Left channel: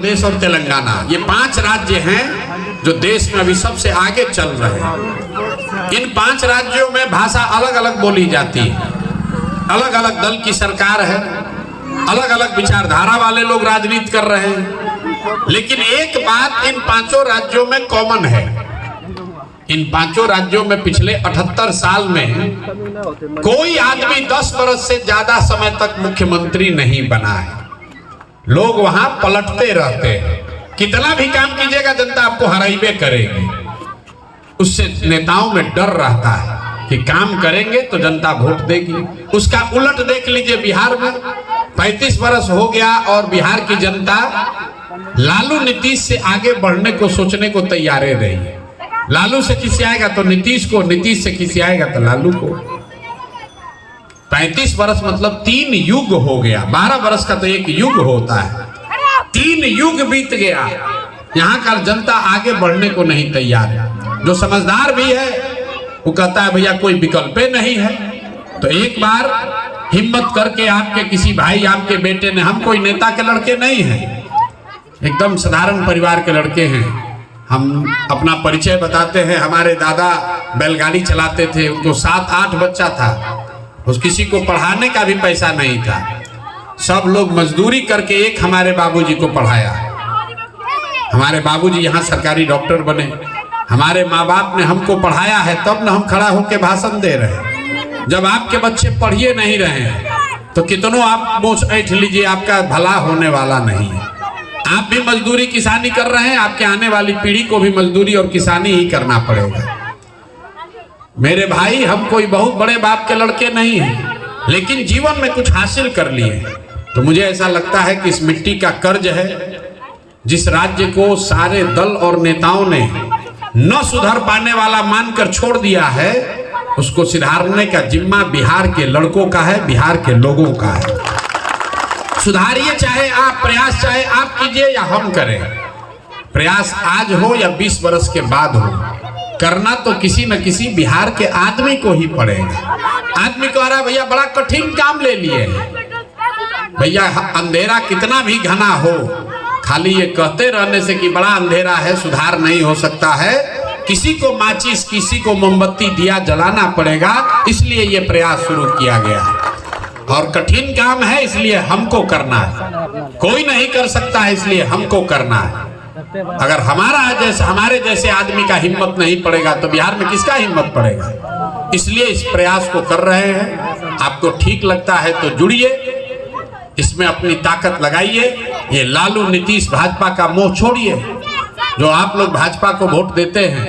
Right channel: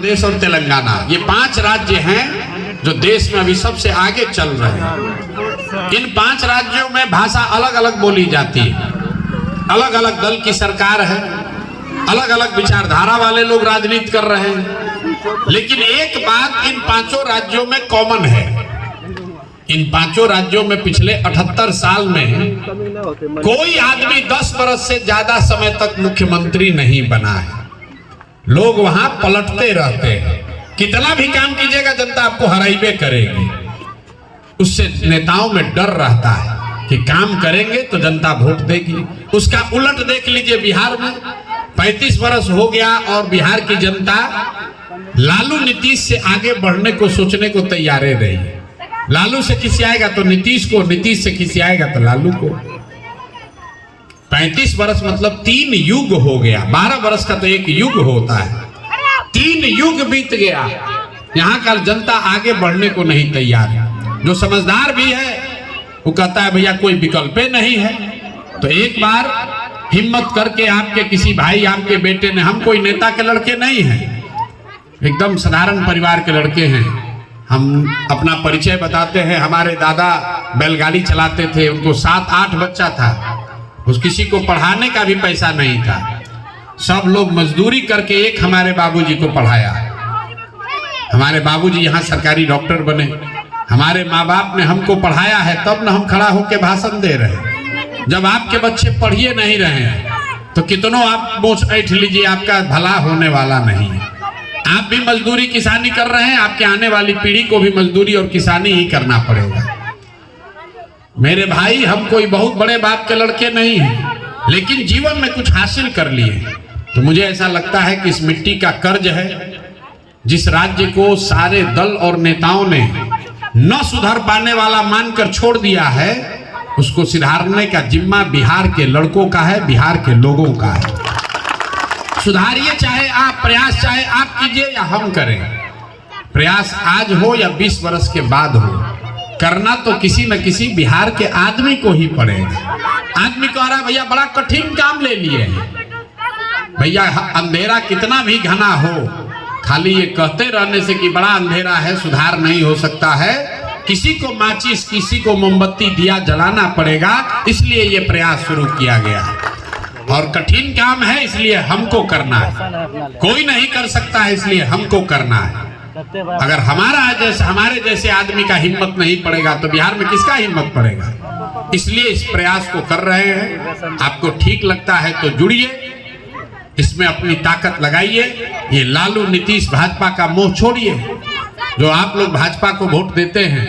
प्रदेश और तेलंगाना, ये 5 राज्य हैं जो देश में अभी सबसे आगे चल रहे हैं। इन 5 राज्यों में भाषा अलग अलग बोली जाती है, अलग अलग दल की सरकार है, अलग अलग विचारधारा वाले लोग राजनीति कर रहे हैं, लेकिन एक बात इन 5 राज्यों में कॉमन है। इन 5 राज्यों में पिछले 78 साल में कोई आदमी 10 वर्ष से ज्यादा समय तक मुख्यमंत्री नहीं बना है। लोग वहां पलटते रहते हैं, कितना भी काम कीजिएगा जनता आपको हराइबे करेगी। उससे नेताओं में डर रहता है कि काम करेंगे तो जनता वोट देगी। उसका उलट देख लीजिए, बिहार में 35 वर्ष हो गया और बिहार की जनता लालू नीतीश से आगे बढ़ने को सोचने को तैयार रही है। लालू से खिसियाएगा तो नीतीश को, नीतीश से खिसियाएगा तो लालू को। 35 वर्ष मतलब 3 युग हो गया। 12 वर्ष का तो एक युग होता है, 3 युग बीत गया। यहाँ का जनता आगे बढ़ने को नहीं तैयार है। जो समझदार भी है वो कहता है भैया कोई विकल्प नहीं है। तो एक बार हिम्मत करके आपके किसी भाई, आपके बेटे ने, हम कोई नेता के लड़के नहीं हैं, एकदम साधारण परिवार के लड़के हैं। हम अपना परिचय बताते हैं। हमारे दादा बैलगाड़ी चलाते थे, उनको 7-8 बच्चा था, उस किसी को पढ़ाने का भी पैसा नहीं था। सब लोग मजदूरी करके एक हमारे बाबूजी को पढ़ाया। हमारे बाबूजी यहाँ सरकारी डॉक्टर बने। हमारे माँ बाप ने हमको पढ़ाया है, तब न हम खड़ा होकर भाषण दे रहे हैं। जब आपके बच्चे पढ़िए नहीं रहे हैं तो कितनों आप मोच ऐठ लीजिए, आपका भला होने वाला नहीं है। आप भी मजदूरी किसानी कर रहे हैं, आपके आने वाली पीढ़ी को भी मजदूरी और किसानी ही करना पड़ेगा। मेरे भाई, हम कोई बहुत बड़े बाप के लड़के नहीं हैं, लेकिन जीवन में कुछ हासिल कर लिए। तो मुझे ऐसा लगता है कि इस मिट्टी का कर्ज है। जिस राज्य को सारे दल और नेताओं ने न सुधर पाने वाला मानकर छोड़ दिया है, उसको सुधारने का जिम्मा बिहार के लड़कों का है, बिहार के लोगों का है। सुधारिए, चाहे आप प्रयास, चाहे आप कीजिए या हम करें। प्रयास आज हो या 20 वर्ष के बाद हो, करना तो किसी न किसी बिहार के आदमी को ही पड़ेगा। आदमी कह रहा है भैया बड़ा कठिन काम ले लिए। भैया अंधेरा कितना भी घना हो, खाली ये कहते रहने से कि बड़ा अंधेरा है, सुधार नहीं हो सकता है। किसी को माचिस, किसी को मोमबत्ती दिया जलाना पड़ेगा, इसलिए ये प्रयास शुरू किया गया है। और कठिन काम है, इसलिए हमको करना है। कोई नहीं कर सकता है, इसलिए हमको करना है। अगर हमारे जैसे आदमी का हिम्मत नहीं पड़ेगा तो बिहार में किसका हिम्मत पड़ेगा? इसलिए इस प्रयास को कर रहे हैं। आपको ठीक लगता है तो जुड़िए, इसमें अपनी ताकत लगाइए। ये लालू नीतीश भाजपा का मोह छोड़िए। जो आप लोग भाजपा को वोट देते हैं,